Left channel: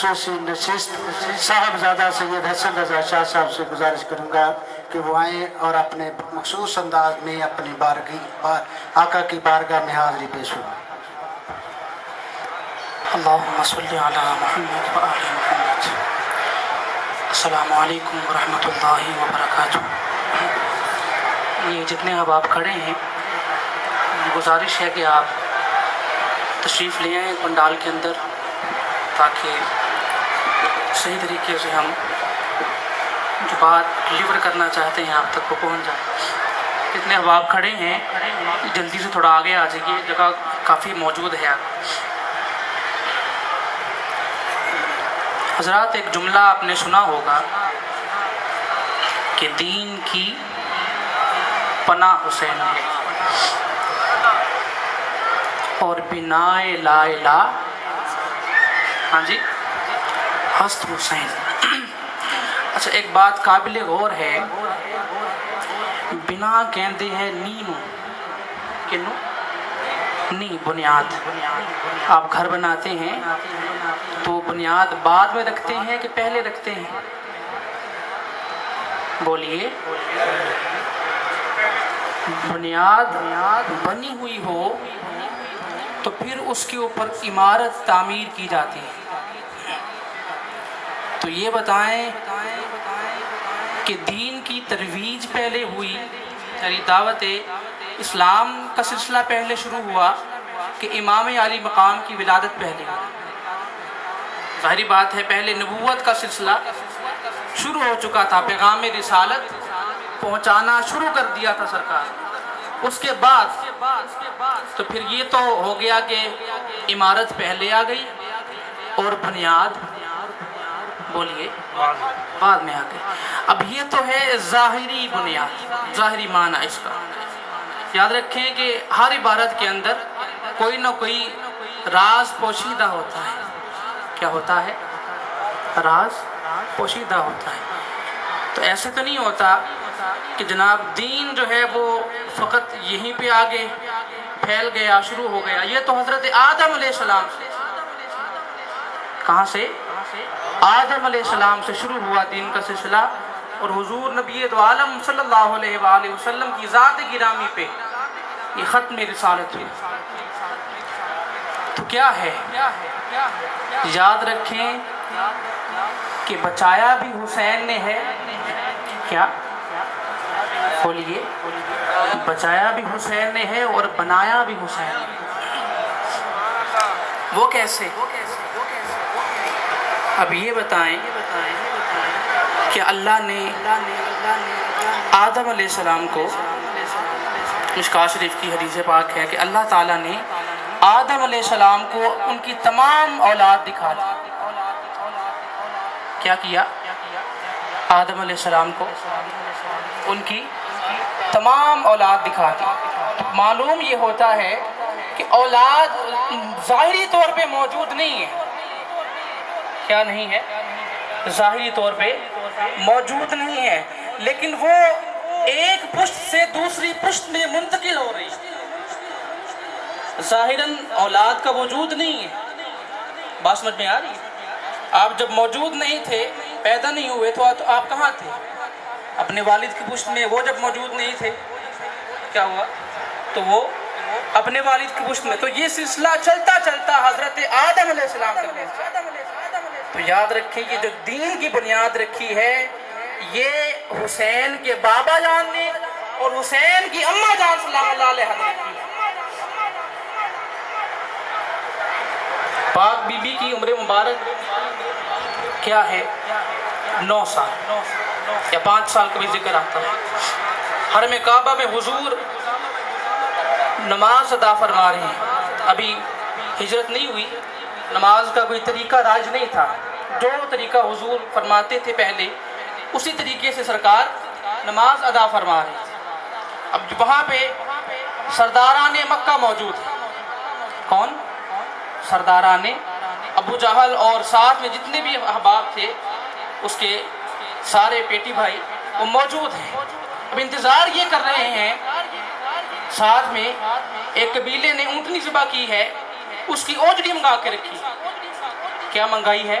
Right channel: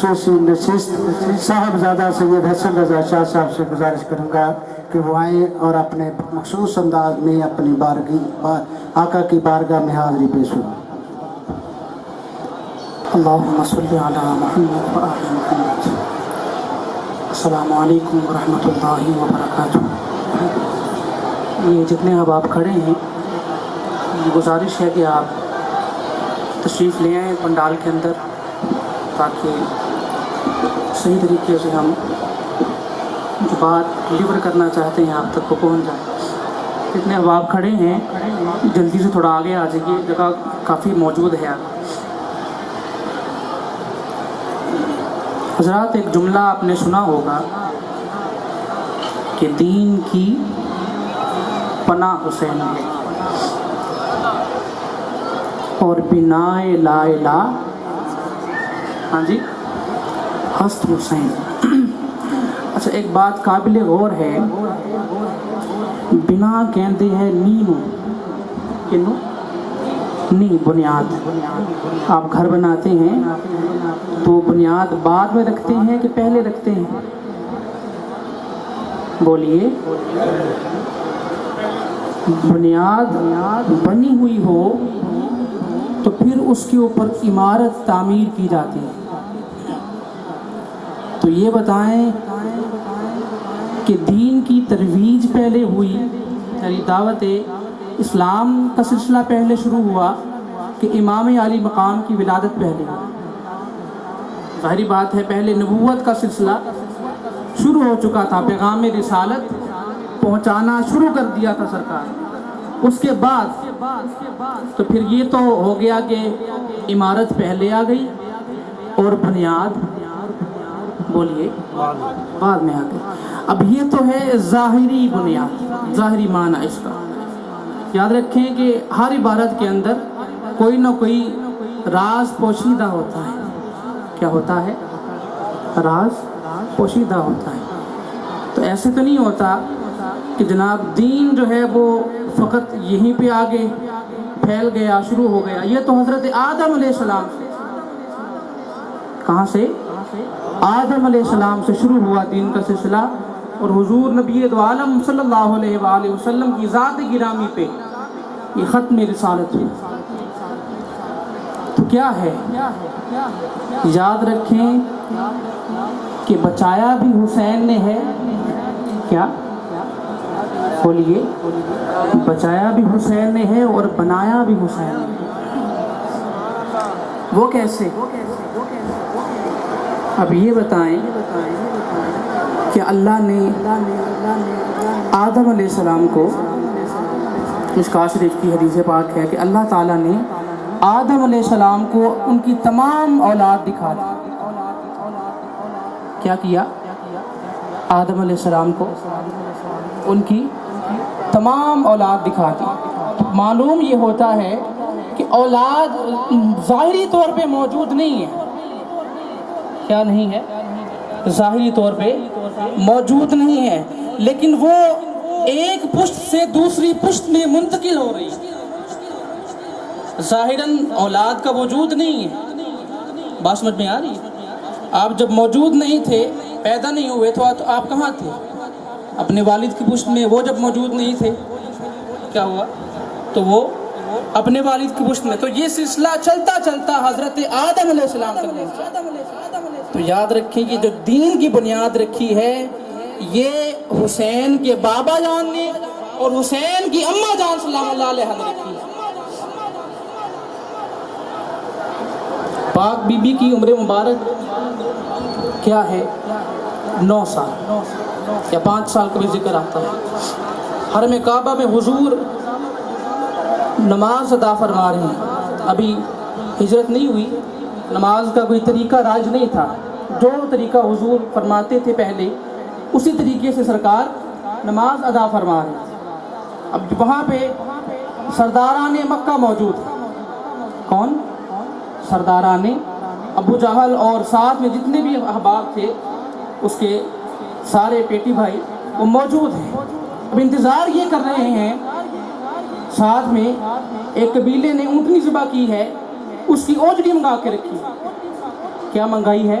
خصوصی نشست صاحبزادہ سید حسن رضا شاہ صاحب سے گزارش کروں گا کہ وہ آئیں اور اپنے مخصوص انداز میں اپنی آقا کی بارگاہ میں حاضری پیش ہوں. اللہم صلی علی محمد و آل محمد. السلام علیکم ورحمۃ اللہ وبرکاتہ. یہ جتنے اب آپ کھڑے ہیں، گزارش ہے کہ آپ تشریف لے آئیں پنڈال کے اندر تاکہ صحیح طریقے سے ہم جو بات ڈلیور کرنا چاہتے ہیں آپ تک وہ پہنچ جائے. جتنے اب آپ کھڑے ہیں جلدی سے تھوڑا آگے آ جائیے، جگہ کافی موجود ہے. حضرات، ایک جملہ آپ نے سنا ہوگا کہ دین کی پناہ حسین ہے اور بنائے لا الہ ہاں جی ہست حسین. اچھا، ایک بات قابل غور ہے، بنا کہتے ہیں نینو کنو نی بنیاد. آپ گھر بناتے ہیں تو بنیاد بعد میں رکھتے ہیں کہ پہلے رکھتے ہیں؟ بولیے. بنیاد بنی ہوئی ہو تو پھر اس کے اوپر عمارت تعمیر کی جاتی ہے. تو یہ بتائیں کہ دین کی ترویج پہلے ہوئی، یعنی دعوت اسلام کا سلسلہ پہلے شروع ہوا کہ امام علی مقام کی ولادت پہلے ہوئی؟ ظاہری بات ہے پہلے نبوت کا سلسلہ شروع ہو چکا تھا، پیغام رسالت پہنچانا شروع کر دیا تھا سرکار. اس کے بعد تو پھر یہ تو ہو گیا کہ عمارت پہلے آ گئی اور بنیاد بولیے بعد میں آ گئی. اب یہ تو ہے ظاہری بنیاد، ظاہری معنی اس کا. یاد رکھیں کہ ہر عبارت کے اندر کوئی نہ کوئی راز پوشیدہ ہوتا ہے. کیا ہوتا ہے؟ راز پوشیدہ ہوتا ہے. تو ایسے تو نہیں ہوتا کہ جناب دین جو ہے وہ فقط یہیں پہ آگے پھیل گیا، شروع ہو گیا. یہ تو حضرت آدم علیہ السلام سے، کہاں سے؟ آدم علیہ السلام سے شروع ہوا دین کا سلسلہ، اور حضور نبی دو عالم صلی اللہ علیہ وآلہ وسلم کی ذات گرامی پہ یہ ختم رسالت ہوئی. تو کیا ہے؟ یاد رکھیں کہ بچایا بھی حسین نے ہے. کیا بولیے؟ بچایا بھی حسین نے ہے اور بنایا بھی حسین نے. وہ کیسے؟ اب یہ بتائیں کہ اللہ نے آدم علیہ السلام کو، مشکوٰۃ شریف کی حدیث پاک ہے کہ اللہ تعالیٰ نے آدم علیہ السلام کو ان کی تمام اولاد دکھا دی. کیا کیا؟ آدم علیہ السلام کو ان کی تمام اولاد دکھا دی. معلوم یہ ہوتا ہے کہ اولاد ظاہری طور پہ موجود نہیں ہے. کیا نہیں ہے؟ ظاہری طور پہ موجود نہیں ہے، لیکن وہ ایک پشت سے دوسری پشت میں منتقل ہو رہی ہے. ظاہراً اولاد کا وجود نہیں ہے. بات سمجھ میں آ رہی ہے؟ آپ جب موجود نہیں تھے، پیدا نہیں ہوئے تو آپ کہاں تھے؟ اپنے والد کی پشت میں. وہ جب موجود نہیں تھے کیا ہوا؟ تو وہ اپنے والد کی پشت میں. تو یہ سلسلہ چلتا چلتا حضرت آدم علیہ السلام تک پہنچا. تو یاد رکھیں کہ جو دین کی بنیاد رکھی ہے یہ حسین کے بابا جان نے اور حسین کی اماں جان سلام اللہ علیہ نے رکھی ہے. پاک بی بی کی عمر مبارک کیا ہے؟ 9 سال یا 5 سال کا بھی ذکر آتا ہے. حرم کعبہ میں حضور نماز ادا فرما رہے ہیں. ابھی ہجرت نہیں ہوئی، نماز کا کوئی طریقہ راج نہیں تھا. جو طریقہ حضور فرماتے تھے پہلے اسی طریقے سے سرکار نماز ادا فرما رہے ہیں. اب وہاں پہ سرداران مکہ موجود ہیں. کون؟ سرداران ابو جہل، اور ساتھ میں جتنے بھی احباب تھے اس کے سارے پیٹی بھائی وہ موجود ہیں. اب انتظار یہ کر رہے ہیں. ساتھ میں ایک قبیلے نے اونٹنی ذبح کی ہے، اس کی اوجڑی منگا کے رکھی. کیا منگائی ہے؟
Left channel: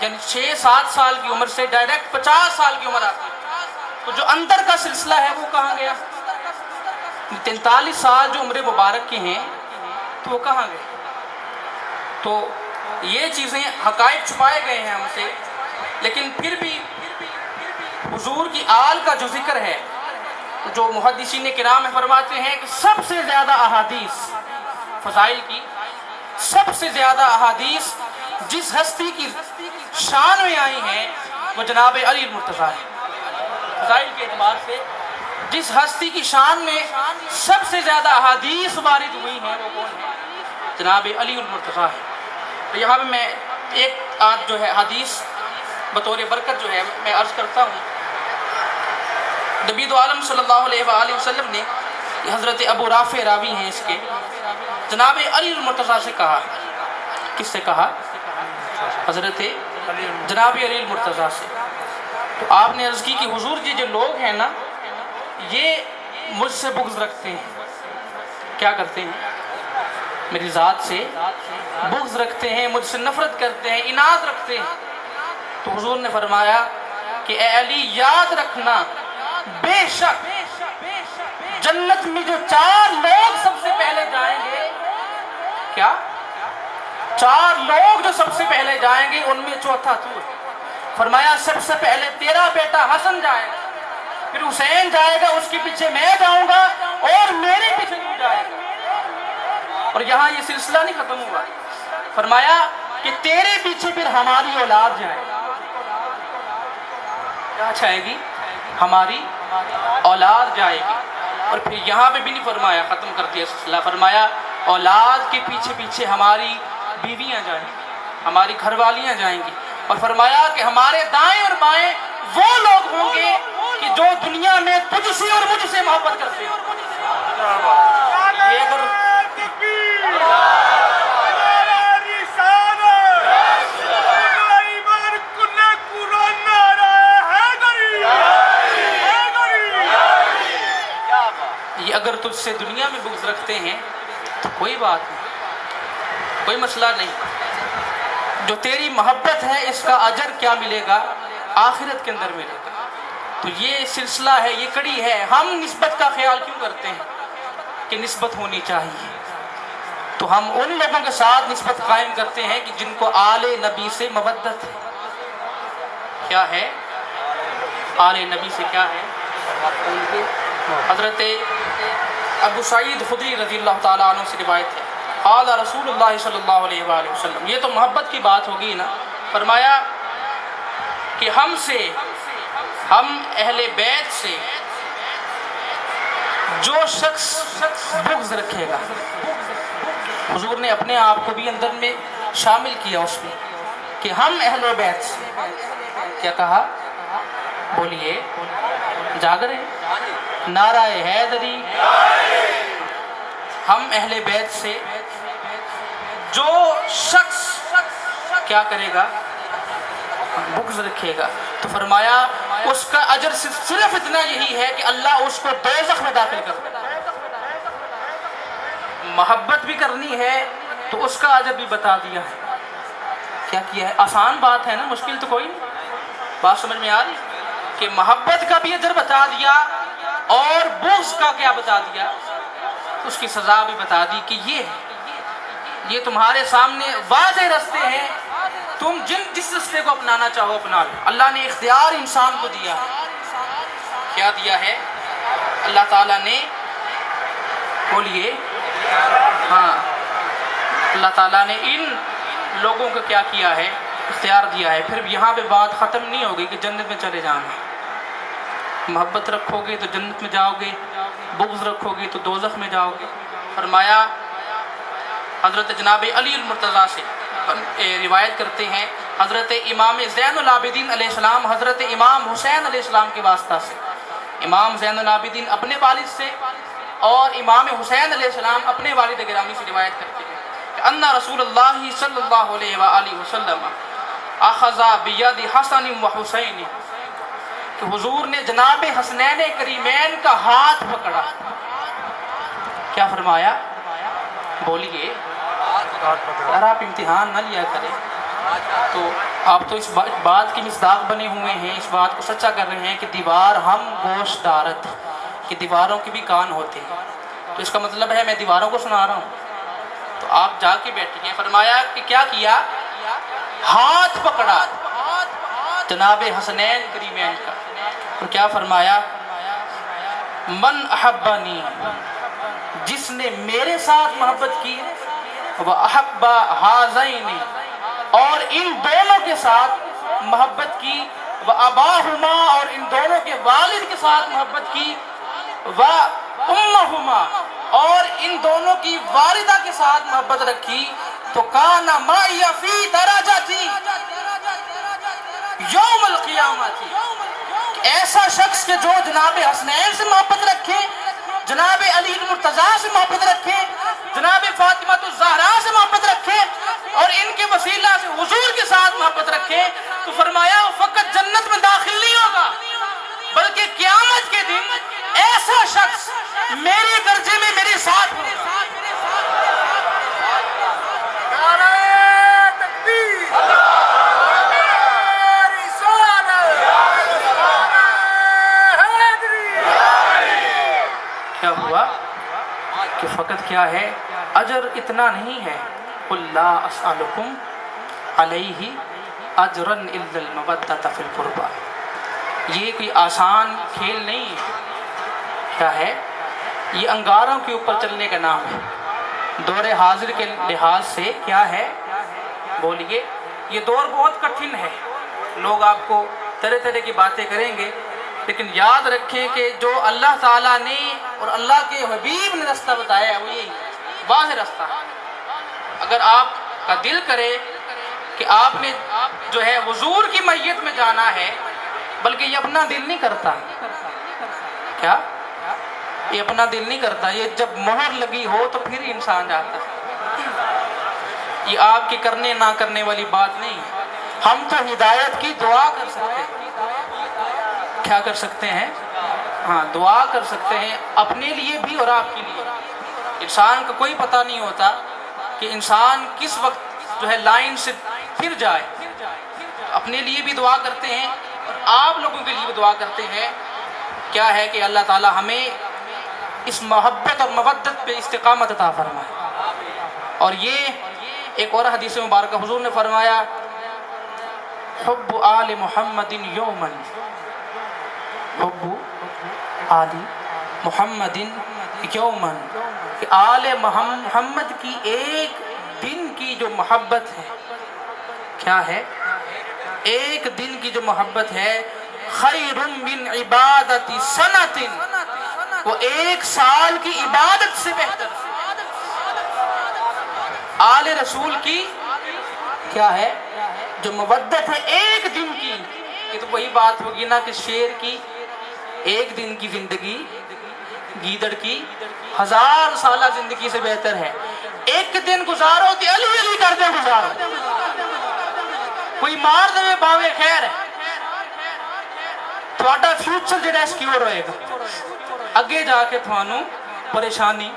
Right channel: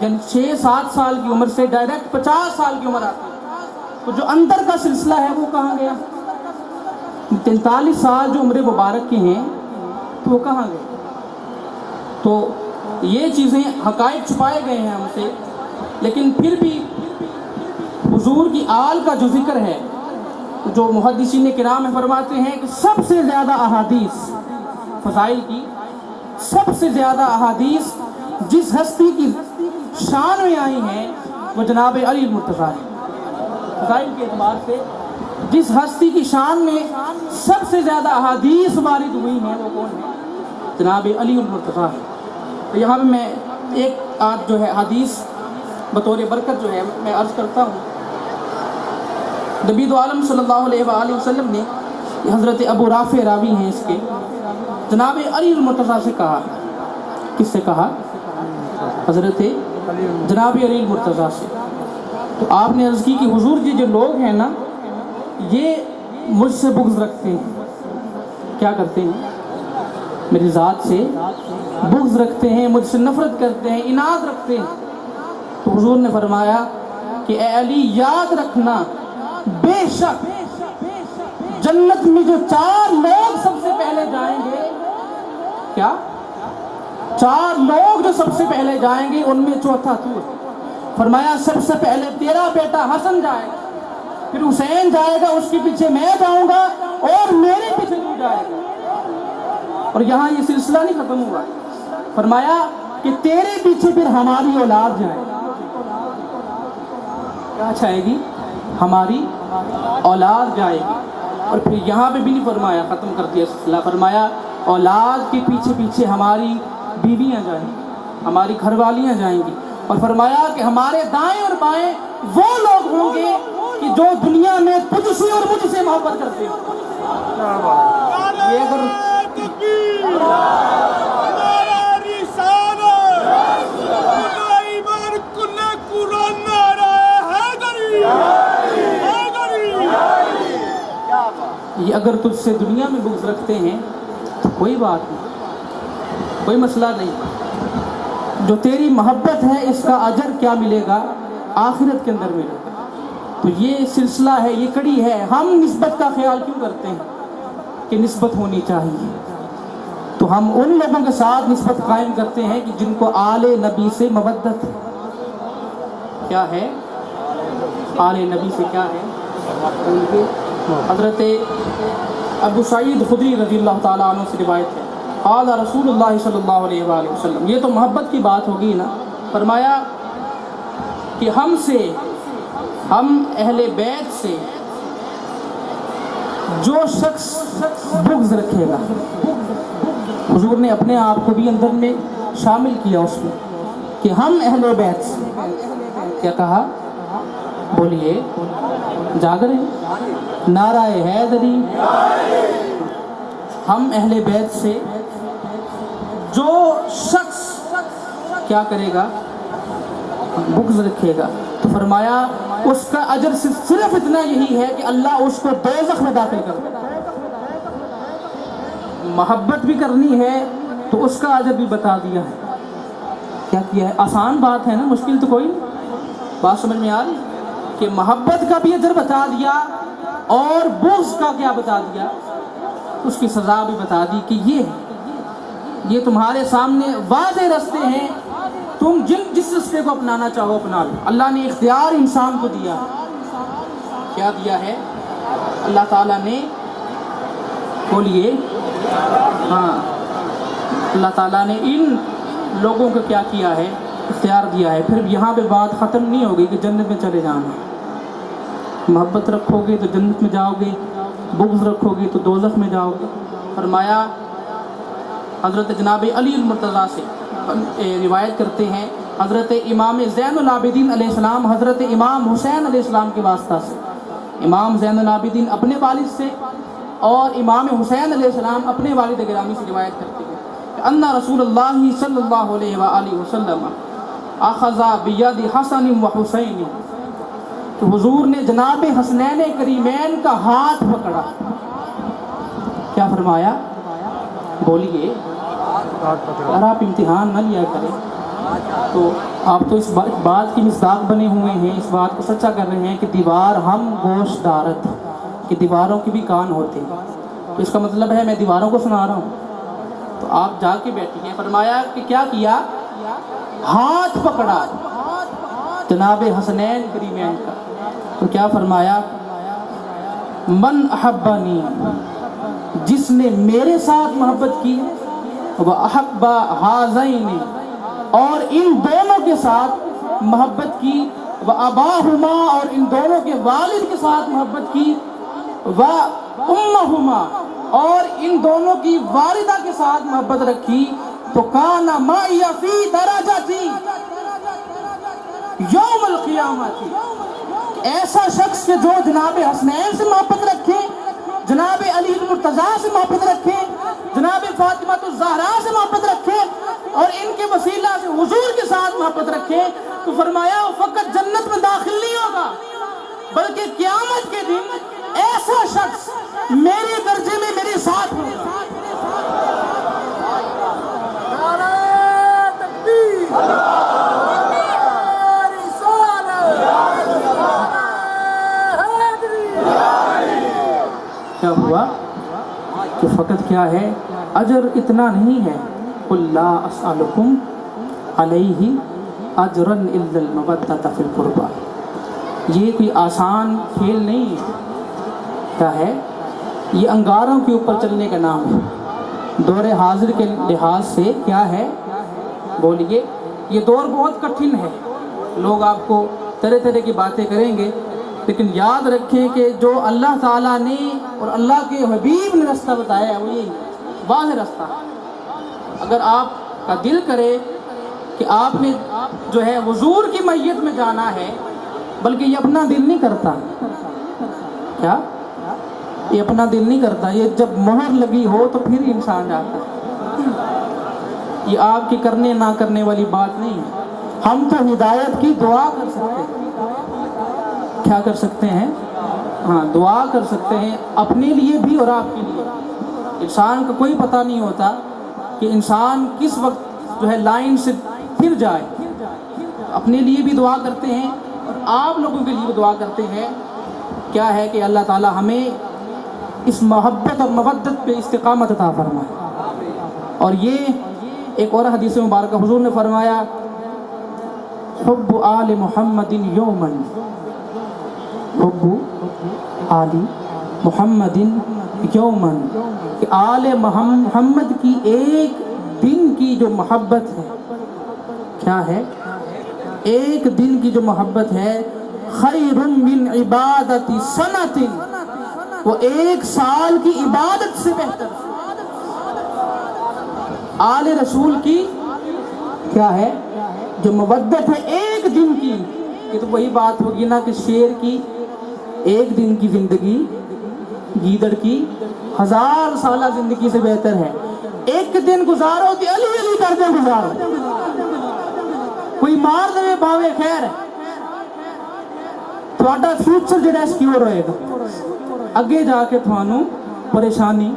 یعنی 6-7 سال کی عمر سے ڈائریکٹ 50 سال کی عمر آتی ہے، تو جو اندر کا سلسلہ ہے وہ کہاں گیا؟ 43 سال جو عمر مبارک کی ہیں تو وہ کہاں گئے؟ تو یہ چیزیں حقائق چھپائے گئے ہیں ہم سے، لیکن پھر بھی حضور کی آل کا جو ذکر ہے، جو محدثین کرام فرماتے ہیں کہ سب سے زیادہ احادیث فضائل کی، سب سے زیادہ احادیث جس ہستی کی شان میں آئی ہیں وہ جناب علی المرتضیٰ ہے۔ فضائل کے اعتبار سے جس ہستی کی شان میں سب سے زیادہ احادیث وارد ہوئی ہیں وہ کون ہے؟ جناب علی المرتضیٰ ہے۔ تو یہاں پہ میں ایک آدھ جو ہے حدیث بطور برکت جو ہے میں عرض کرتا ہوں۔ نبی دو عالم صلی اللہ علیہ وآلہ وسلم نے، حضرت ابو رافع راوی ہیں اس کے، جناب علی المرتضیٰ سے کہا۔ کس سے کہا؟ حضرت جناب علی المرتضیٰ سے۔ تو آپ نے عرض کی کہ حضور جی جو لوگ ہیں نا یہ مجھ سے بغض رکھتے ہیں، کیا کرتے ہیں؟ میری ذات سے بغض رکھتے ہیں، مجھ سے نفرت کرتے ہیں، عناد رکھتے ہیں۔ تو حضور نے فرمایا کہ اے علی یاد رکھنا، بے شک جنت میں جو 4 لوگ سب سے پہلے جائیں گے، کیا 4 لوگ جو سب سے پہلے جائیں گے ان میں چوتھا تو ہے۔ فرمایا سب سے پہلے تیرا بیٹا حسن جائے گا، پھر حسین جائے گا، اس کے پیچھے میں جاؤں گا، اور میرے پیچھے تو جائے گا۔ اور یہاں یہ سلسلہ نہیں ختم ہوا، فرمایا کہ تیرے پیچھے پھر ہماری اولاد جائے گی۔ کیا جائے گی؟ ہماری اولاد جائے گی۔ اور پھر یہاں پہ بھی نہیں فرمایا، ختم کر دیا سلسلہ، فرمایا اولاد کے پیچھے پیچھے ہماری بیویاں جائیں گی، ہماری گھر والیاں جائیں گی۔ اور فرمایا کہ ہمارے دائیں اور بائیں وہ لوگ ہوں گے کہ جو دنیا میں تجھ سے اور مجھ سے محبت کرتے ہیں۔ یہ اگر یہ اگر تجھ سے دنیا میں بغض رکھتے ہیں تو کوئی بات نہیں، کوئی مسئلہ نہیں، جو تیری محبت ہے اس کا اجر کیا ملے گا؟ آخرت کے اندر ملے گا۔ تو یہ سلسلہ ہے، یہ کڑی ہے۔ ہم نسبت کا خیال کیوں کرتے ہیں کہ نسبت ہونی چاہیے؟ تو ہم ان لوگوں کے ساتھ نسبت قائم کرتے ہیں کہ جن کو آل نبی سے مودت ہے۔ کیا ہے؟ آل نبی سے کیا ہے؟ حضرت ابو سعید خدری رضی اللہ تعالیٰ عنہ سے روایت ہے، قال رسول اللہ صلی اللہ علیہ وآلہ وسلم۔ یہ تو محبت کی بات ہوگی نا۔ فرمایا کہ ہم اہل بیت سے جو شخص بغض رکھے گا، حضور نے اپنے آپ کو بھی اندر میں شامل کیا اس میں، کہ ہم اہل بیت سے، کیا کہا؟ بولیے، جاگ رہے ہیں؟ نعرہ حیدری۔ ہم اہل بیت سے جو شخص کیا کرے گا؟ بغض رکھے گا، تو فرمایا اس کا اجر صرف اتنا یہی ہے کہ اللہ اس کو دوزخ میں داخل کر دے۔ محبت بھی کرنی ہے تو اس کا اجر بھی بتا دیا ہے۔ کیا کیا ہے؟ آسان بات ہے نا، مشکل تو کوئی نہیں۔ بات سمجھ میں آ رہی کہ محبت کا بھی اجر بتا دیا اور بغض کا کیا بتا دیا؟ اس کی سزا بھی بتا دی کہ یہ تمہارے سامنے واضح رستے ہیں، تم جس رستے کو اپنانا چاہو اپنا لو۔ اللہ نے اختیار انسان کو دیا ہے۔ کیا دیا ہے؟ اللہ تعالیٰ نے، بولیے، ہاں، اللہ تعالیٰ نے ان لوگوں کو کیا کیا ہے؟ اختیار دیا ہے۔ پھر یہاں پہ بات ختم نہیں ہوگی کہ جنت میں چلے جانا۔ محبت رکھو گے تو جنت میں جاؤ گے، بغض رکھو گے تو دوزخ میں جاؤ گے۔ فرمایا حضرت جناب علی المرتضیٰ سے روایت کرتے ہیں، حضرت امام زین العابدین علیہ السلام حضرت امام حسین علیہ السلام کے واسطہ سے، امام زین العابدین اپنے والد سے اور امام حسین علیہ السلام اپنے والد گرامی سے روایت کرتے ہیں کہ ان رسول اللہ صلی اللہ علیہ وآلہ وسلم اخذ بید حسن و حسین، کہ حضور نے جناب حسنین کریمین کا ہاتھ پکڑا۔ کیا فرمایا؟ بولیے، اگر آپ امتحان نہ لیا کریں تو آپ تو اس بات کی مصداق بنے ہوئے ہیں، اس بات کو سچا کر رہے ہیں کہ دیوار ہم گوشت دارت، کہ دیواروں کے بھی کان ہوتے ہیں. تو اس کا مطلب ہے میں دیواروں کو سنا رہا ہوں. تو آپ جا کے بیٹھے. فرمایا کہ کیا کیا؟ ہاتھ پکڑا جناب حسنین کریمین کا. اور کیا فرمایا؟ من احبنی، جس نے میرے ساتھ محبت کی، وہ احب ہذین، اور ان دونوں کے ساتھ محبت کی، وہ اباہما، اور ان دونوں کے والد کے ساتھ محبت کی، وہ امہما، اور ان دونوں کی والدہ کے ساتھ محبت رکھی، تو کان معی فی درجتی یوم القیامت. ایسا شخص کہ جو جناب حسنین سے محبت رکھے، جناب علی المرتضیٰ سے محبت رکھے، جناب فاطمہ الزہرا سے محبت رکھے، اور ان کے وسیلہ سے حضور کے ساتھ محبت رکھے، تو فرمایا وہ فقط جنت میں داخل نہیں ہوگا، بلکہ قیامت کے دن ایسا شخص میرے درجے میں میرے ساتھ ہوگا. کیا ہوا کہ فقط کیا ہے؟ اجر اتنا نہیں ہے. قل لا اسألکم علیہ اجرا الا المودۃ فی القربى. یہ کوئی آسان کھیل نہیں ہے. کیا ہے؟ یہ انگاروں کے اوپر چلنے کا نام ہے. دور حاضر کے لحاظ سے کیا ہے؟ بولیے. یہ دور بہت کٹھن ہے. لوگ آپ کو طرح طرح کی باتیں کریں گے، لیکن یاد رکھیں کہ جو اللہ تعالیٰ نے اور اللہ کے حبیب نے رستہ بتایا ہے وہ یہی واضح رستہ ہے. اگر آپ کا دل کرے کہ آپ نے جو ہے حضور کی میت میں جانا ہے، بلکہ یہ اپنا دل نہیں کرتا. کیا؟ یہ اپنا دل نہیں کرتا. یہ جب مہر لگی ہو تو پھر انسان جاتا ہے. یہ آپ کی کرنے نہ کرنے والی بات نہیں ہے. ہم تو ہدایت کی دعا کر سکتے ہیں. کیا کر سکتے ہیں؟ ہاں، دعا کر سکتے ہیں اپنے لیے بھی اور آپ کے لیے. انسان کو کوئی پتہ نہیں ہوتا کہ انسان کس وقت جو ہے لائن سے پھر جائے. اپنے لیے بھی دعا کرتے ہیں اور آپ لوگوں کے لیے بھی دعا کرتے ہیں. کیا ہے کہ اللہ تعالی ہمیں اس محبت اور مودت پہ استقامت عطا فرمائے. اور یہ ایک اور حدیث مبارکہ حضور نے فرمایا، حب آل محمد یومن، حب آل محمد یومن، کہ آل محمد کی ایک دن کی جو محبت ہے، کیا ہے؟ ایک دن کی جو محبت ہے، خیر من عبادت سنۃ، وہ ایک سال کی عبادت سے بہتر. آل رسول کی کیا ہے؟ جو مودت ہے ایک دن کی. یہ تو وہی بات ہوگی نا کہ شیر کی ایک دن کی زندگی گیدڑ کی 1000 سالہ زندگی سے بہتر ہے. ایک دن گزارو تے علی علی کر دے گزارو، کوئی مار دے باوے خیر ہے، تھوڑا فیوچر جڑا سکیور ہوئے گا. اگے جا کے تھانوں پریشانی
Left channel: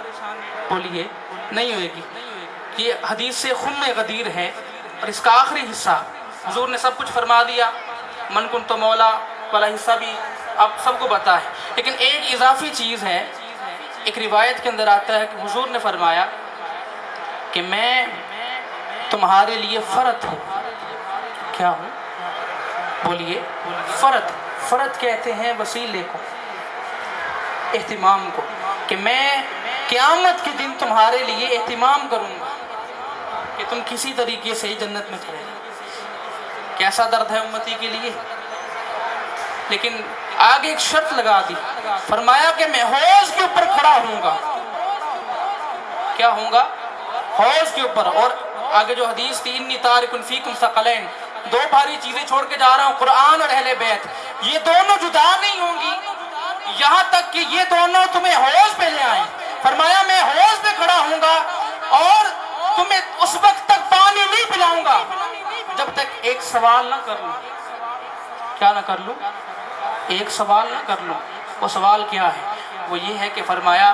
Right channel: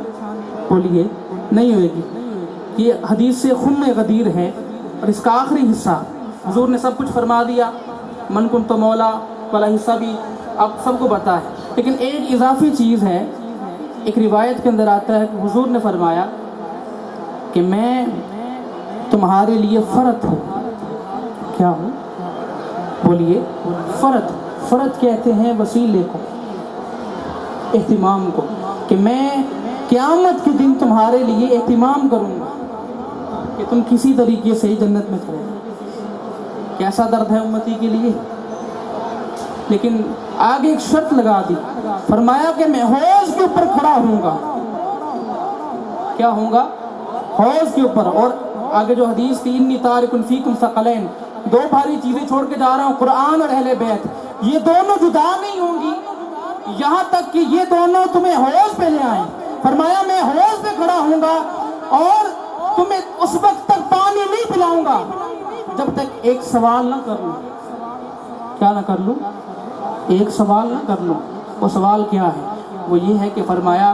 بولیے نہیں ہوئے گی. یہ حدیث سے خم غدیر ہے. اور اس کا آخری حصہ حضور نے سب کچھ فرما دیا، من کنت مولا والا حصہ بھی آپ سب کو پتا ہے. لیکن ایک اضافی چیز ہے. ایک روایت کے اندر آتا ہے کہ حضور نے فرمایا کہ میں تمہارے لیے فرد ہوں. کیا ہوں؟ بولیے. فرد. فرد کہتے ہیں وسیلے کو، اہتمام کو، کہ میں قیامت کے دن تمہارے لیے اہتمام کروں گا کہ تم کسی طریقے سے ہی جنت میں چلے. کیسا درد ہے امتی کے لیے. لیکن آگے ایک شرط لگا دی، فرمایا کہ میں حوض کے اوپر کھڑا ہوں گا. کیا ہوں گا؟ حوض کے اوپر. اور آگے جو حدیث تھی، انی تارک فیکم ثقلین، دو بھاری چیزیں چھوڑ کے جا رہا ہوں، قرآن اور اہل بیت. یہ دونوں جدا نہیں ہوں گی یہاں تک کہ یہ دونوں تمہیں حوض پہ لے آئیں. فرمایا میں حوض پہ کھڑا ہوں گا اور تمہیں اس وقت تک پانی نہیں پلاؤں گا جب تک ایک سوال نہ کر لوں. کیا نہ کر لوں؟ ایک سوال نہ کر لوں. وہ سوال کیا ہے؟ وہ یہ ہے کہ فرمایا